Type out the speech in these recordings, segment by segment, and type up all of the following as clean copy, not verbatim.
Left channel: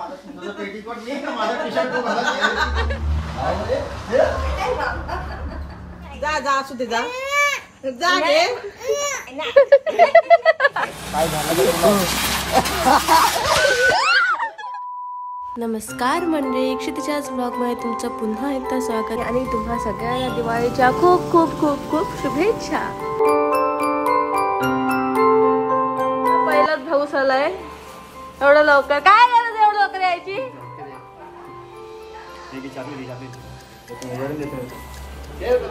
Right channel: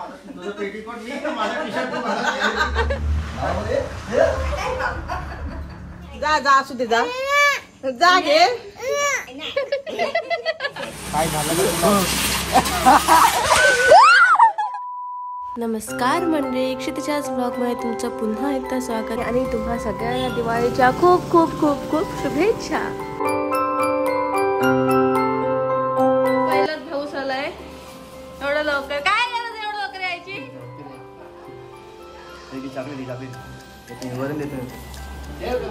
तुझं पेटीकोट मी का माझा टी शर्ट तू घाला. जा जा असू दे जा जा घे. नमस्कार मंडळी, क्षितिजाज ब्लॉगमध्ये तुमचं पुन्हा एकदा स्वागत आहे आणि तुम्हा सगळ्यांना दिवाळीच्या खूप खूप खूप खूप शुभेच्छा. पहिलाच भाऊस आलाय एवढं लवकर. काय गरज एवढं लवकर यायची.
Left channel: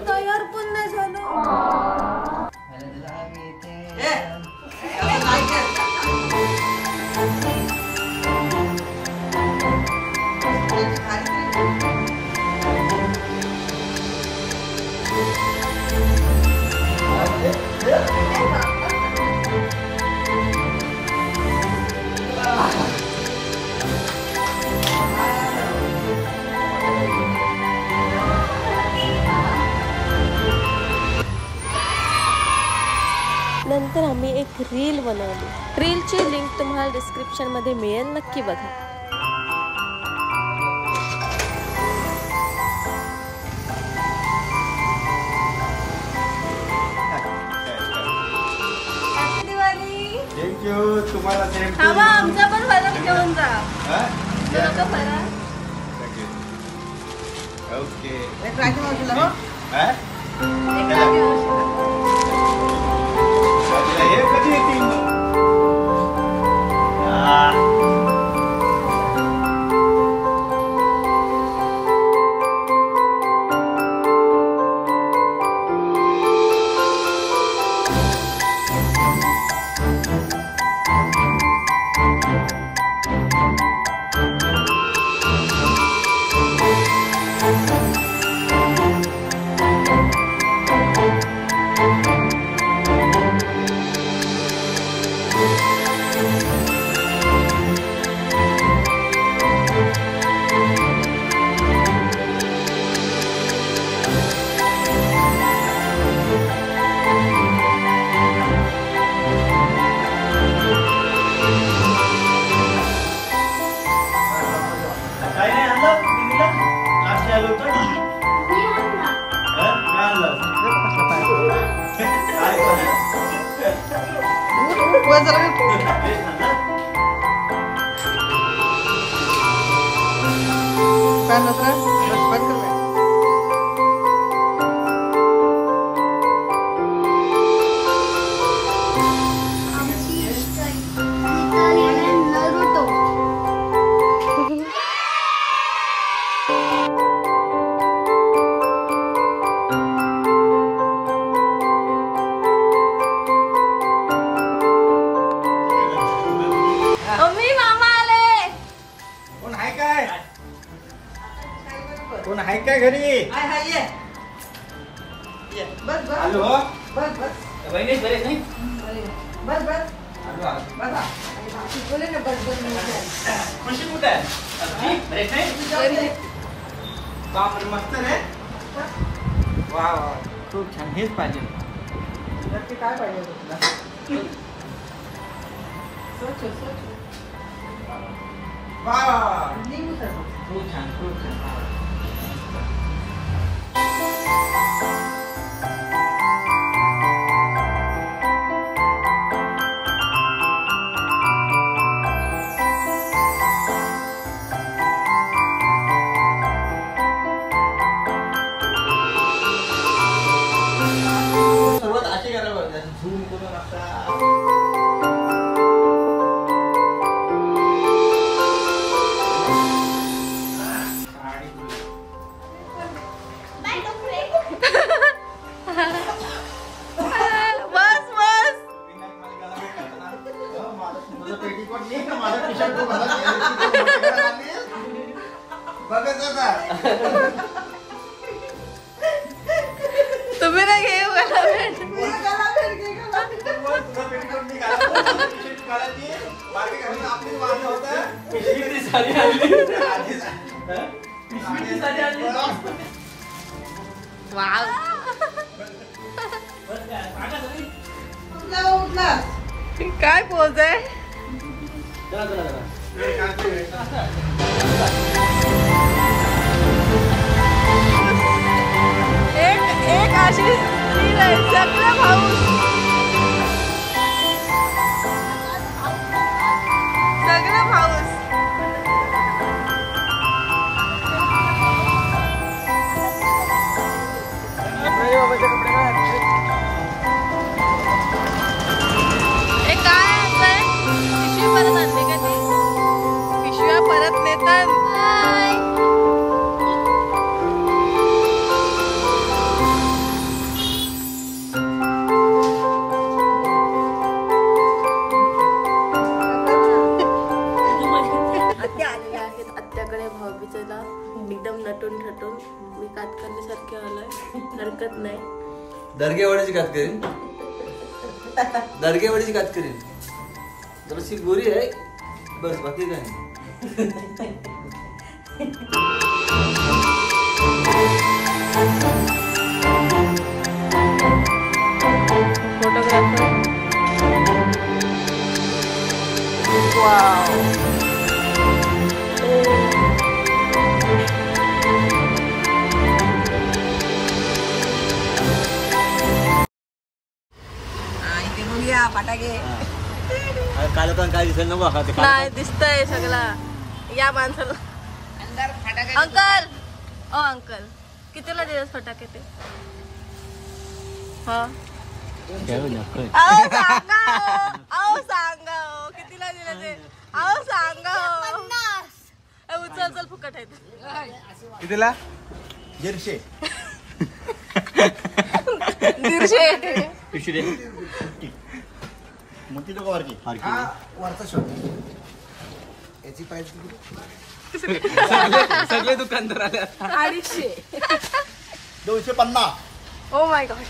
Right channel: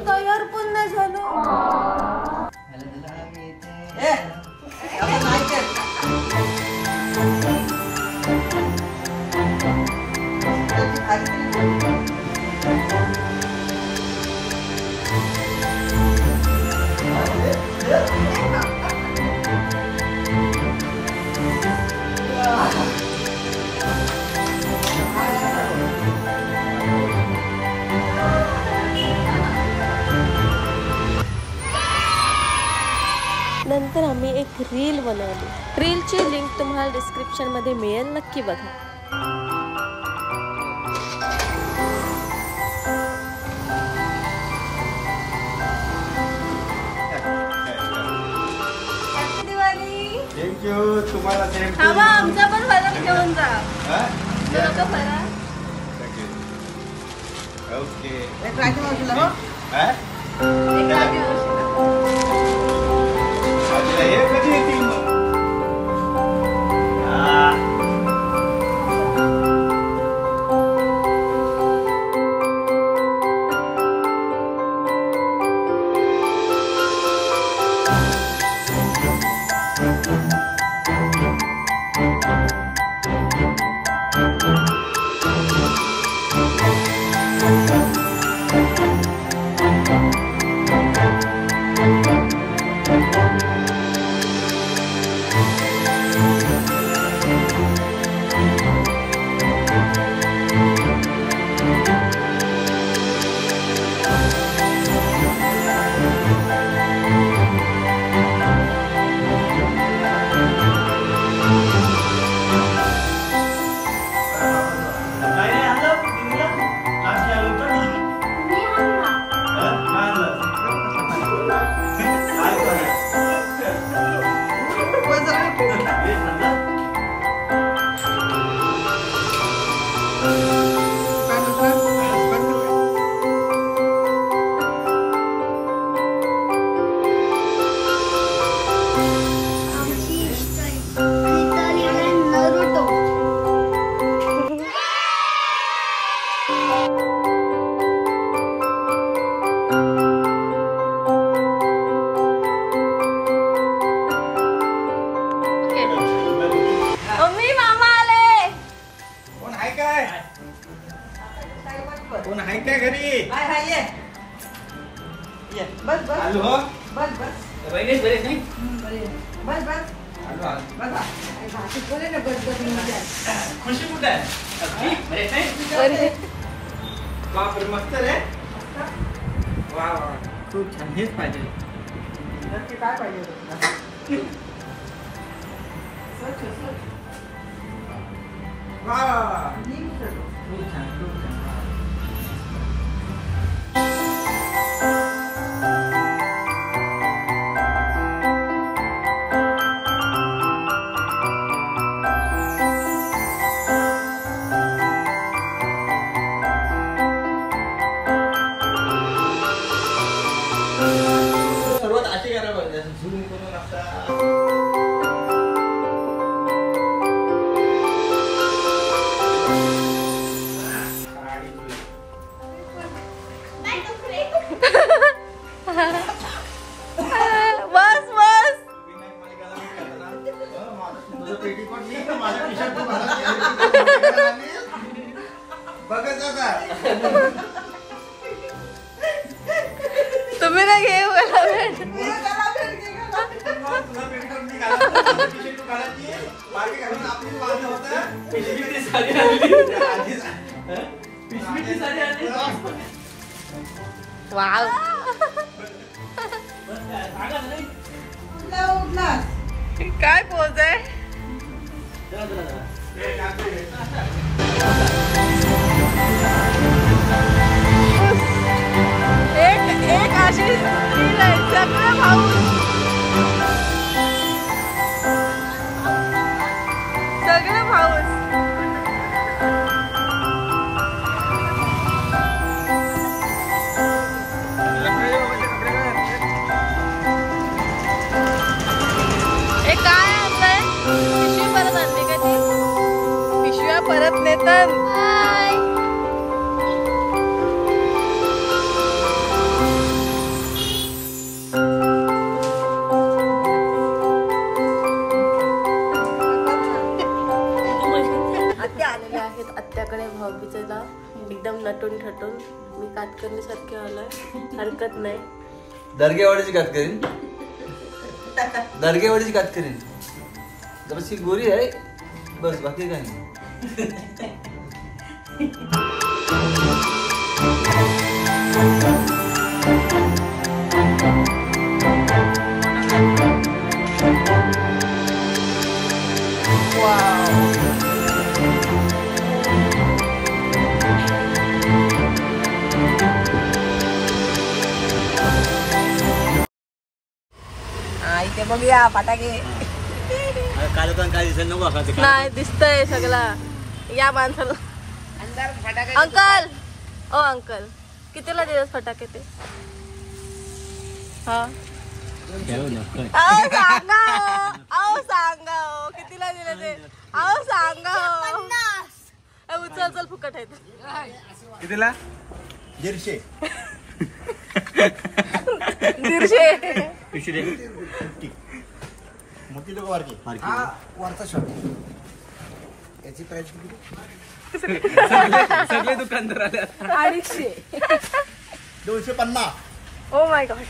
तयार पण नाही झालो. नंतर आम्ही एक रील बनवली. रीलची लिंक तुम्हाला डिस्क्रिप्शन मध्ये मिळेल, नक्की बघा. हॅपी दिवाळी. थँक्यू. तुम्हाला सेम. हवा आमचा पण फरक घेऊन जा. नको फरक. ओके. एक राखी मावशीला हो. एक राखी मावशीला. हे कधी येतील मग. कोण आहे का घरी. हॅलो. खुशी कुठे बापरे मस्त रे. वा वा खूप छान. हेच पाहिजे. नक्की काय पाहिजे तुला. वा खूप छान खूप छान. सर्वात असे करावं झूम करून असता. बस बस. तुझं पेटीकोट मी का माझा टी शर्ट तू घाला. बघत आता तुम्ही ना घे मला भेट. वाव. काय पोज आहे. परत नेतन. आत्याकडे भाऊबीजेला एकदम नटून ठटून मी कातकर्णीसारखे आलोय. हरकत नाही. दर्गेवाडीची कात करीन. दर्गेवाडीची कात करीन. जराशी गोरी आहे बस, बाकी काय नाही. बघूया फटाके. काल पण काय दिसेल नको नाही दिसतंय सगळा. या माणसाला अंकल. ओ अंकल कितीला दिवस फटाके ते? हा सांगा. अहो सांगा कितीला दिले ते? अहो सांगा. उचल चल फुकट आहे. कितीला? 150. 150. मोठी तो वरची. हा वरचा शॉट. याची प्राइस किती? सगळे दुकानदार आले. 250. Oh my God.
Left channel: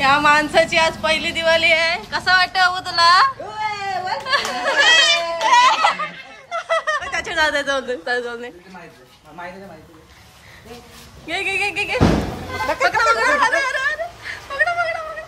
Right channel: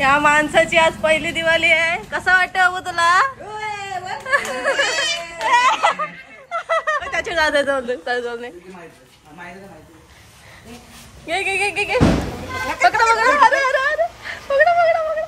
या माणसाची आज पहिली दिवाळी आहे. कसं वाटतं अबू तुला? त्याच्या जाते जाऊन घे घे घे घे घे. पकडा पकडा. अरे अरे अरे पकडा पकडा पकडा.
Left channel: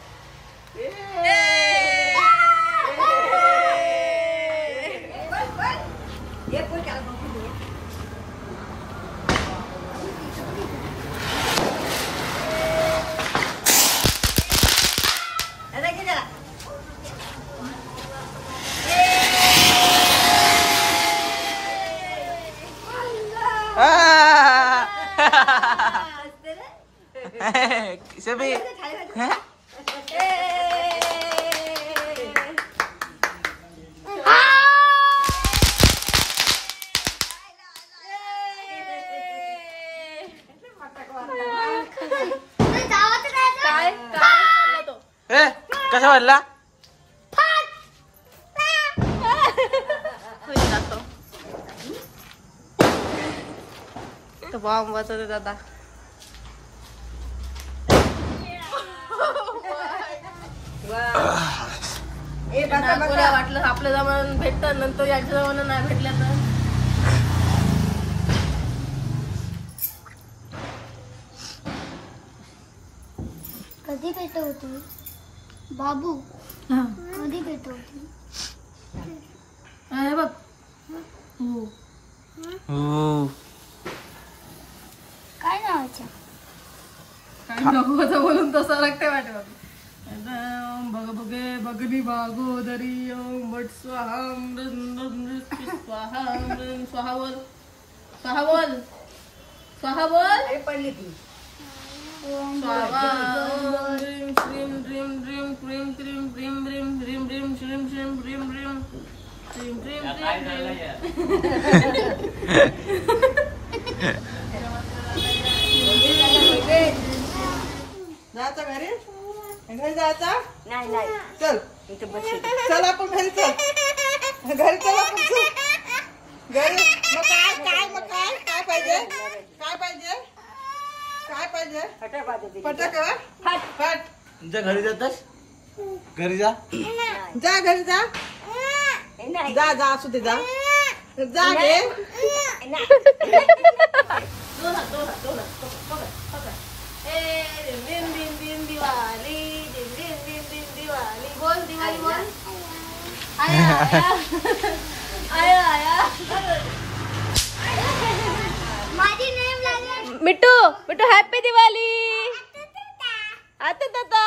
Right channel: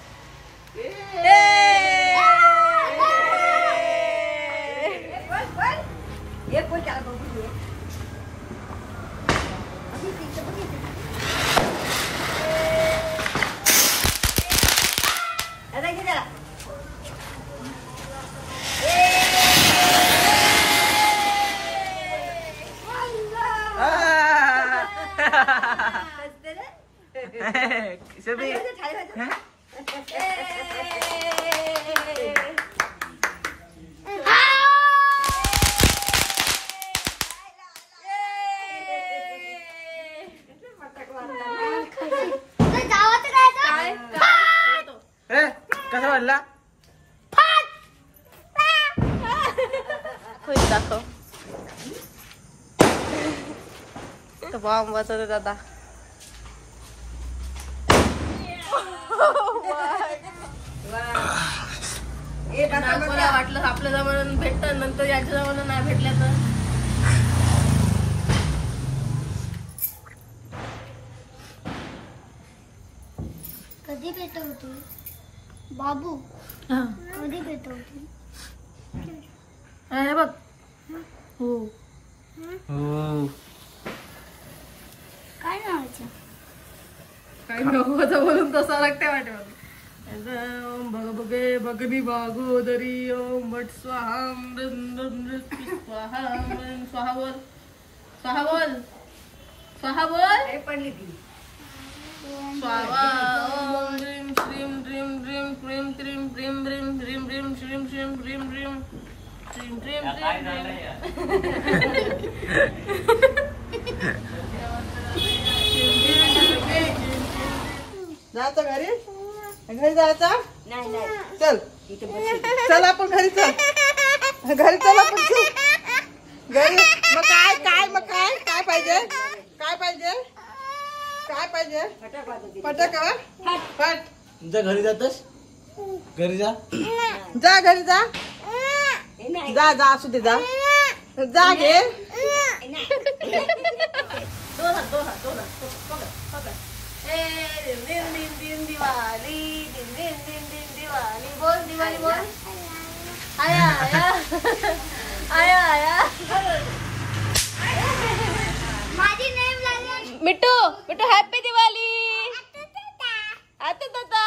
कसा वाटला? दाखव तो बॉम्ब वाजवतो दादा. नागपूरला वाटलं आपल्या जमान्यात भेटत, नंतर याच्या जमान्यात नाही भेटल्या तर कधी भेट होती बाबू? कधी भेट होती? बघ. हो काय नावाचं? काय नको बोलून तसा लागते वाटत. बघ बघे बगनी भागोदरी ओम भट स्वाहा स्वाहा स्वाहा बोल स्वाहा बोल स्वाहा बोल पण येते स्वाहा ओम ह्रीं श्रीं ह्रीं ह्रीं क्रीं क्रीं ह्रीं ह्रीं ह्रीं ह्रीं श्रीं श्रीं ह्रीं ह्रीं श्रीं ह्रीं जायचं घरी? घरी जायचं? नाही नाही चल चल आपण घरी चल. घरी चल आपण घरी. मग काय काय मग काय काय पाहिजे? काय पाहिजे? काय पाहिजे? फटाके फट. जा घरी जातस. घरी जा. जा घरी जा. जा जा असू दे जा. जा घे. दिन दिन दिन दिवाली दिन दिन दिन दिन दिवाली बोल दिवाली बोल. आया आया आया आया. माझी नेम लागली. मिट्टू मिट्टू हॅपी दिवाळी. आता दादा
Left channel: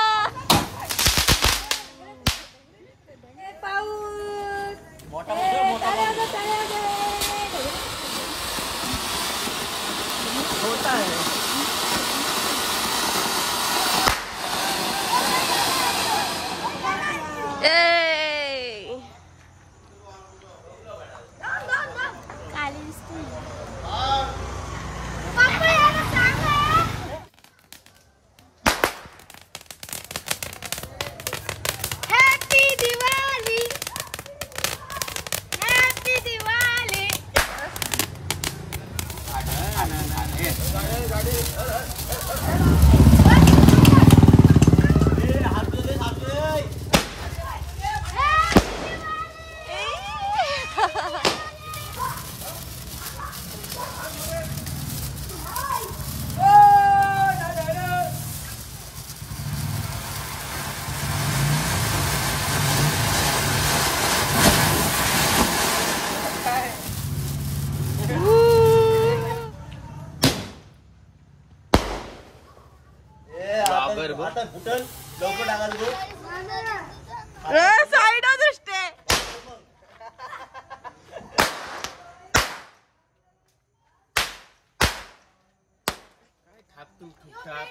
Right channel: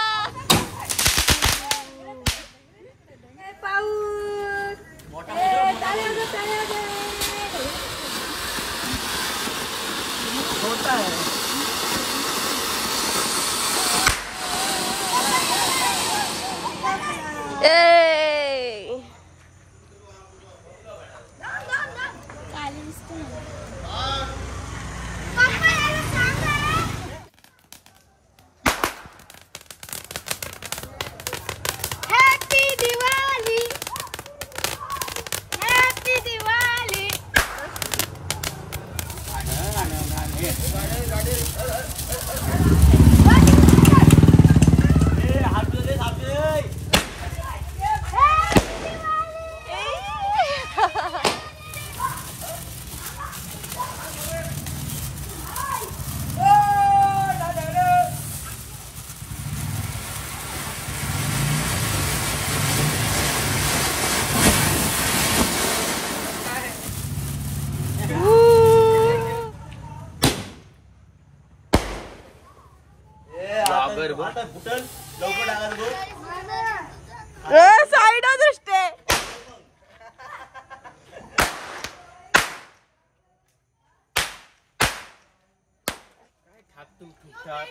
तू खिशात.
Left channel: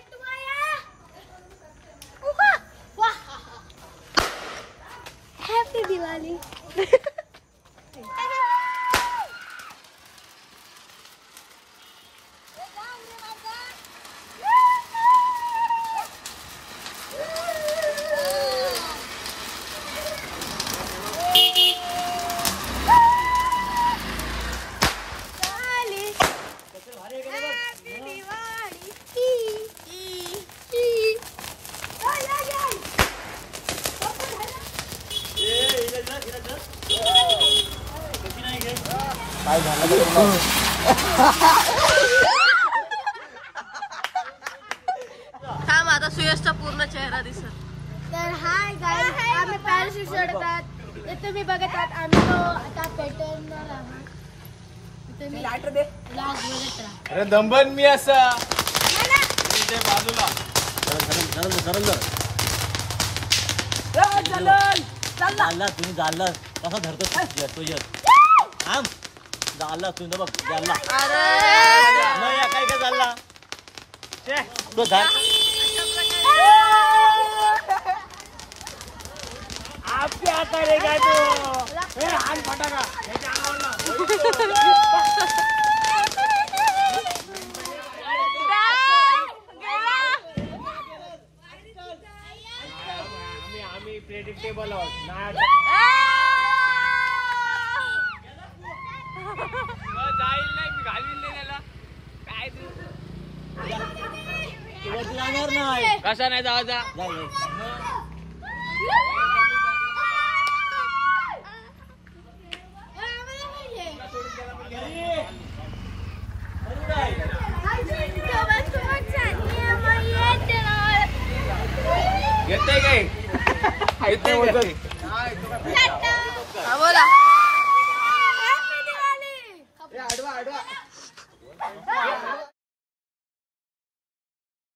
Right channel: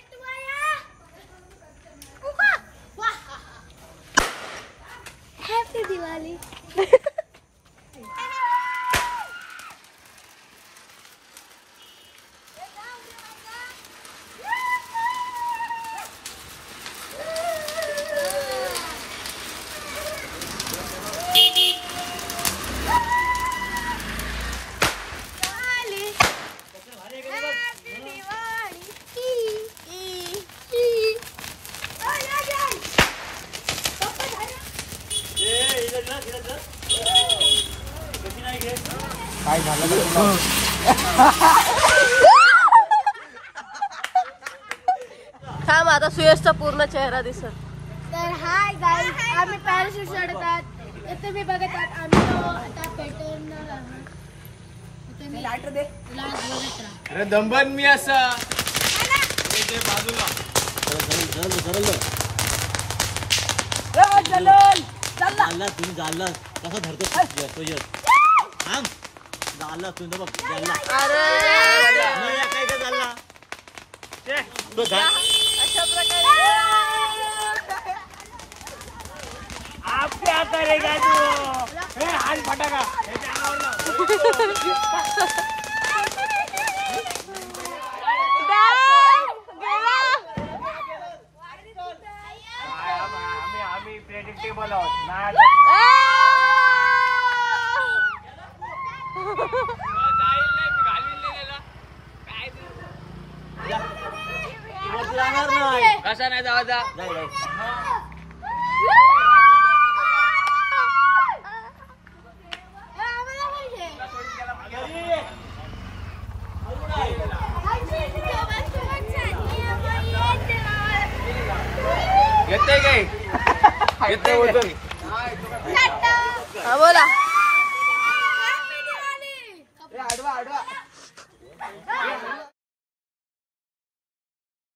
हॅपी दिवाळी. थांब आता सुयशचा पूर्ण चेहरा दिसत. तर हाय गाईज, आम्ही पॅराशूट चढतात. इथे तुम्ही बघत आहात आम्ही तो आता पॅटर्न अरे दंबन मी असा चालला तुम्ही चालला कसा धरतो येतो येत थांब चालला तुम्ही बघ चालला अरे काय काय चालला आपल्या आता रे काय तू हे हाल फटाका त्याच्या आम्ही प्रेडिक्टेबल आहोत ना. जाणार नाही कसा नाही जावाचा हा बोला.